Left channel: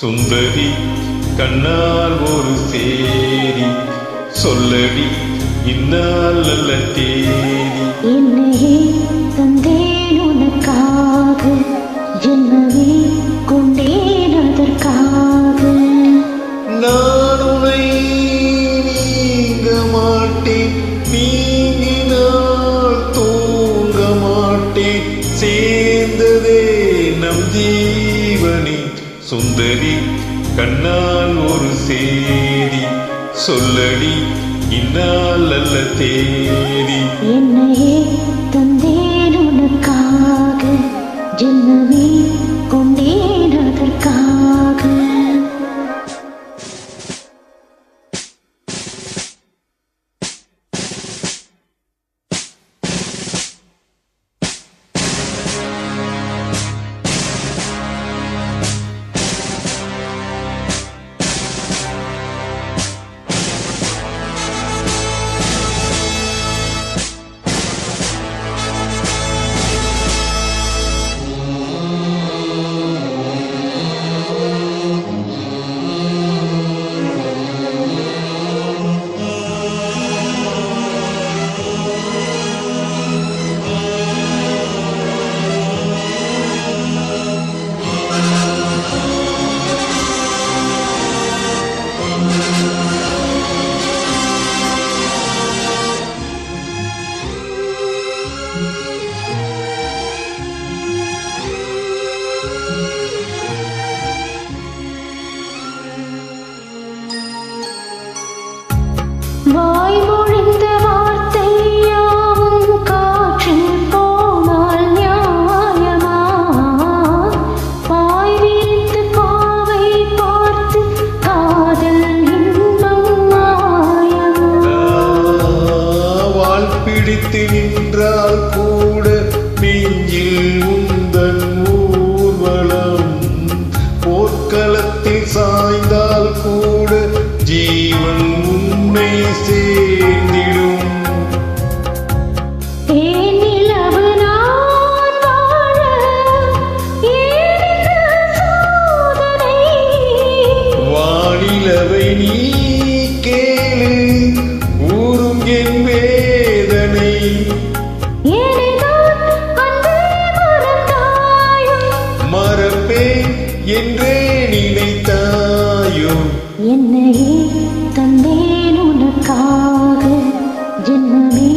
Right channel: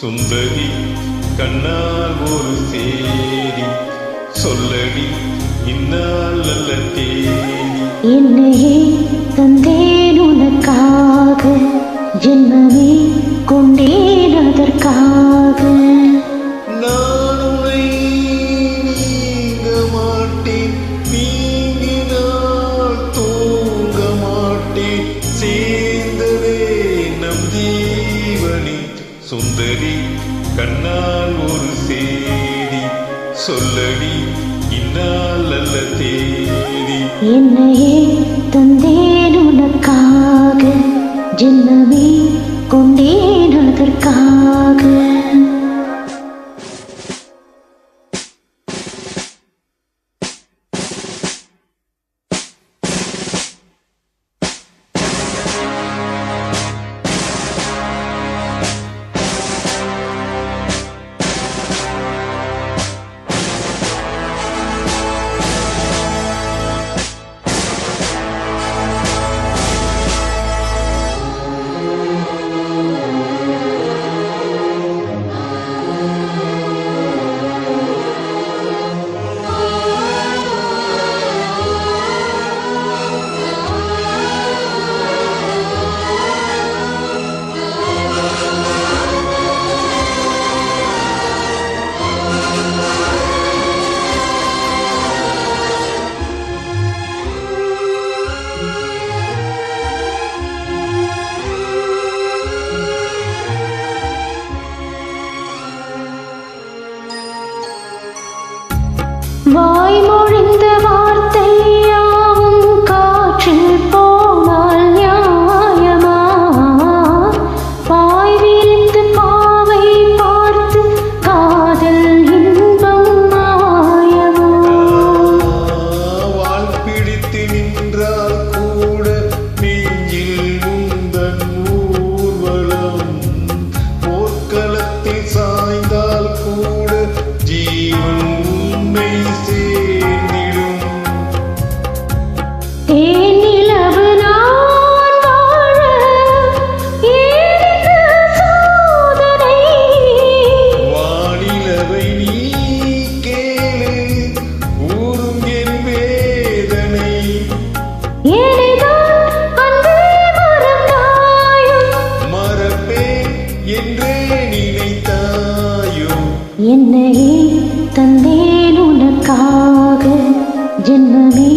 சுந்தரி கண்ணால் ஒரு சேரி சொல்லடி இந்நாள் நல்ல தேதி. என்னையே தந்தேன் உனக்காக, ஜென்மமே கொண்டேன் அதற்காக. நான் உன்னை நீங்க மாட்டேன், நீங்கினால் தூங்க மாட்டேன், சேர்ந்ததே நம் ஜீவனே. சுந்தரி கண்ணால் ஒரு சேதி சொல்லடி இந்நாள் நல்ல தேதி. என்னையே தந்தேன் உனக்காக, ஜென்மமே கொண்டேன் அதற்காக. வாய்மொழிந்த வார்த்தை யாவும் காற்றில் போனால் நியாயமா? வாய் விரித்து பாவை பார்த்து காதல் இன்பம் மாயமா? வாழ் பிடித்து நின்றால் கூட நெஞ்சில் உந்தன் ஊர்வலம், போர்க்களத்தில் சாய்ந்தால் கூட ஜீவன் உன்னை சேர்ந்திடும். தேனிலவு நான் வாழ ஏன் இந்த சோதனை? வானிலவை நீ கேளு ஊரும் என் வேதனை. ஏனைதான் அன்பே மறந்தாயோ? மறப்பேன் என்றே நினைத்தாயோ? என்னையே தந்தேன் உனக்காக, ஜென்மமே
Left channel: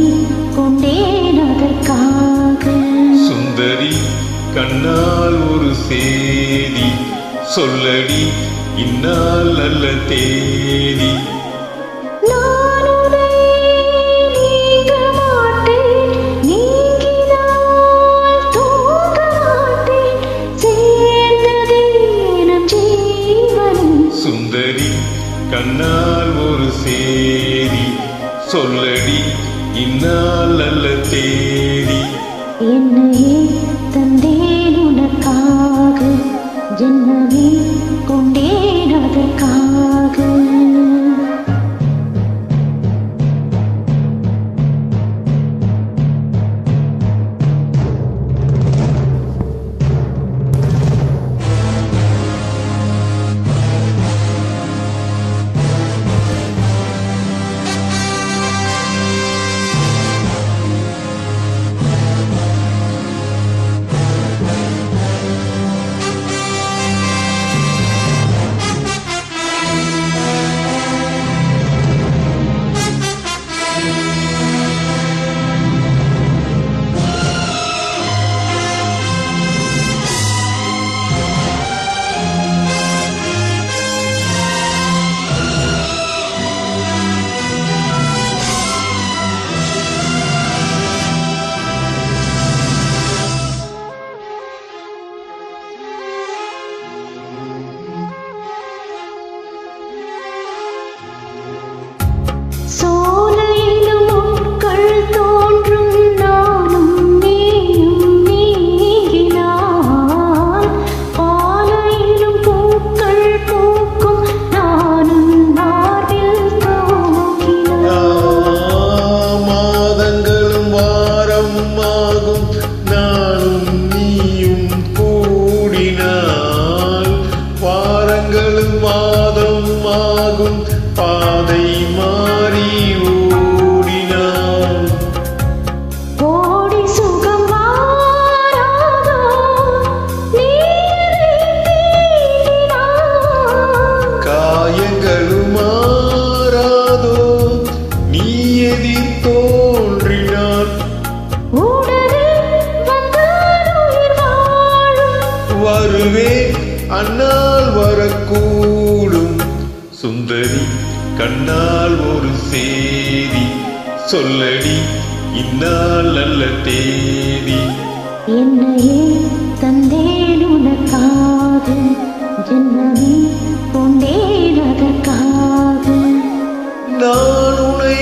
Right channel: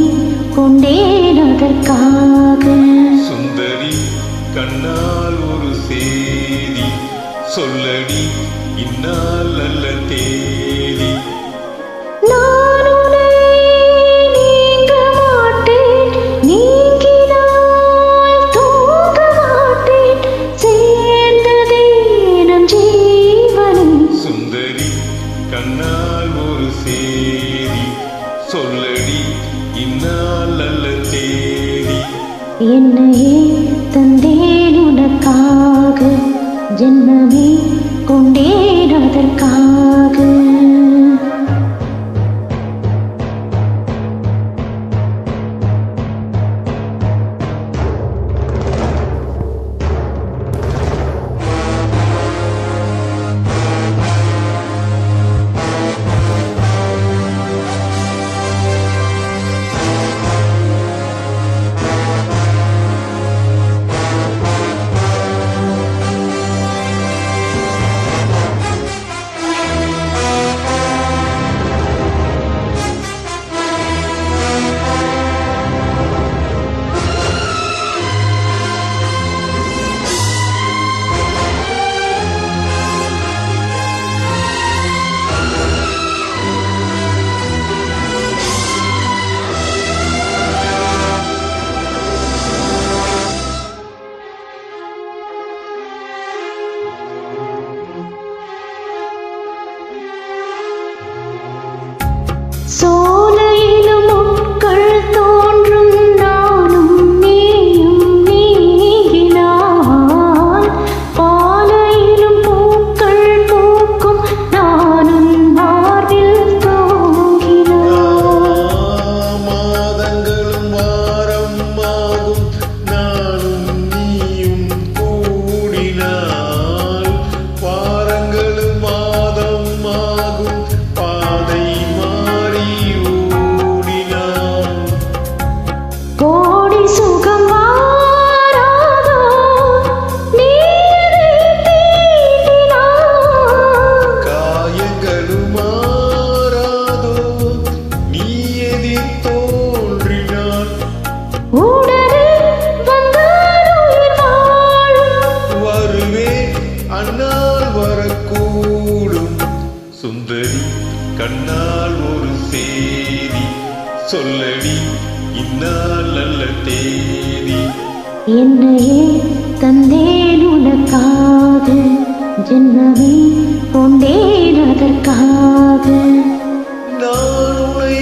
கொண்டேன் அதற்காக. சுந்தரி கண்ணால் ஒரு சேதி சொல்லடி இந்நாள் நல்ல தேதி. நான் உன்னை நீங்க மாட்டேன், நீங்கினால் தூங்க மாட்டேன், சேர்ந்ததே நம் ஜீவனே. சுந்தரி கண்ணால் ஒரு சேதி சொல்லடி இந்நாள் நல்ல தேதி. என்னையே தந்தேன் உனக்காக, ஜென்மமே கொண்டேன் அதற்காக. சோலையிலும் முட்கள் தோன்றும், நானும் நீயும் நீங்கினால். பாலையிலும் பூக்கள் பூக்கும், நானும் மார்பில் தூங்கினால். மாதங்களும் வாரம் ஆகும், நானும் நீயும் கூடினால். வாரங்கள் சொல்வேன் அந்நாள் வரக்கூடும். சுந்தரி கண்ணால் ஒரு சேதி சொல்லடி இந்நாள் நல்ல தேதி. என்னையே தந்தேன் உனக்காக, ஜென்மமே கொண்டேன் அதற்காக. நான் உன்னை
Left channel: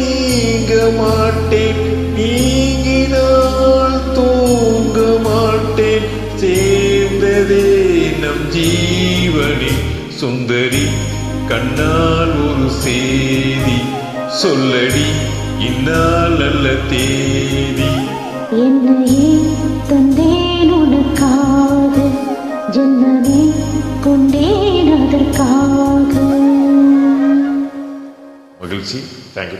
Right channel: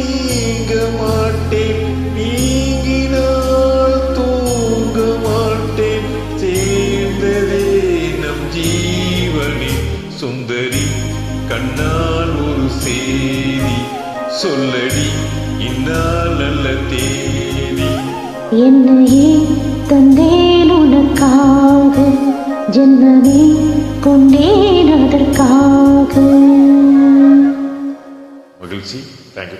நீங்க மாட்டேன், நீங்கினால் தூங்க மாட்டேன். சேர்ந்ததே நம் ஜீவனே. சுந்தரி கண்ணால் ஒரு சேதி சொல்லடி இந்நாள் நல்ல தேதி. என்னையே தந்தேன் உனக்காக, ஜென்மமே கொண்டேன் அதற்காக. மகிழ்ச்சி. தேங்க்யூ.